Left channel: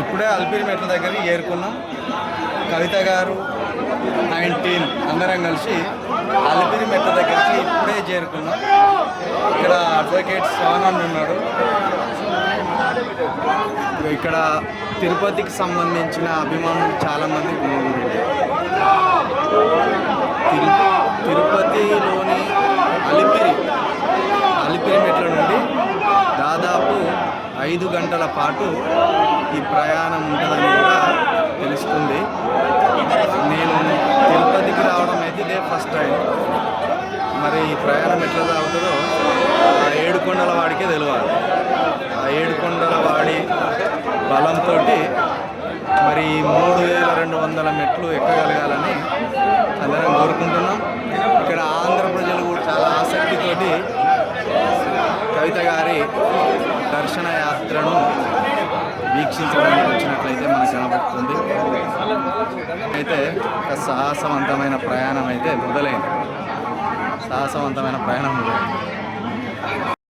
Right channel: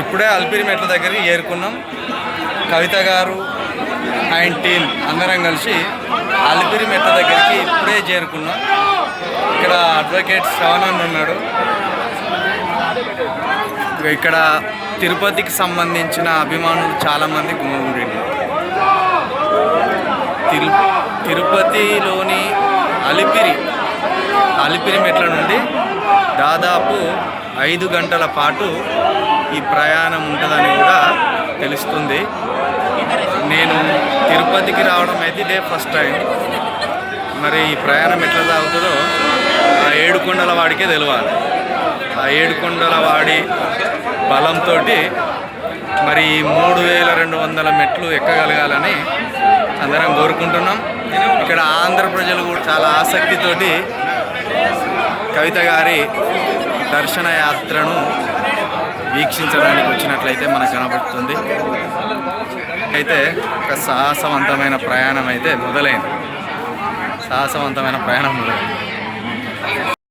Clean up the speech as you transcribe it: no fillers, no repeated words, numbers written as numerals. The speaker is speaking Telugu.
ఇప్పుడే అలిపిరి మెట్ల దగ్గరికి చేరుకున్నాం. కవిత గారు అండ్ టీమ్ అందరం కలిసి అలిపిరి మెట్ల దగ్గరికి ఇప్పుడే చేరుకున్నాం. ఇక్కడ అడ్వకేట్ శ్రవణ్ ఉన్నాడు. ఇక్కడ తిరుపతికి సంబంధించిన అభిమానులు చాలామంది గుమిగూడింది. తిరుపతిలోని అలిపిరి మెట్ల నుండి దాదాపు 5 గంటల పాటు ఈ ప్రయాణం ఉంటుందని కూడా తెలుస్తుంది. నేను తిరుపతికి రావడం అయితే ఇదే ఫస్ట్ టైం. మరి ఈ ప్రయాణం ఎట్లా సాగుతుందో ఆ 7 కొండల వాడికే తెలియాలి. ఆ 7 కొండల వాడి బలంతో మరి 3200 మెట్లు ఎక్కగలగాలని అందరం కోరుకుంటున్నాం. ఇక్కడ ఆంధ్ర ప్రజలు కూడా చాలా ఆసక్తితోటి కవిత గారి దర్శన యాత్రను వీక్షించడానికి వచ్చినట్లయితే మనకు కనబడుతుంది. అయితే ఒక సాహసవంతమైన ప్రయాణం మొదలైంది.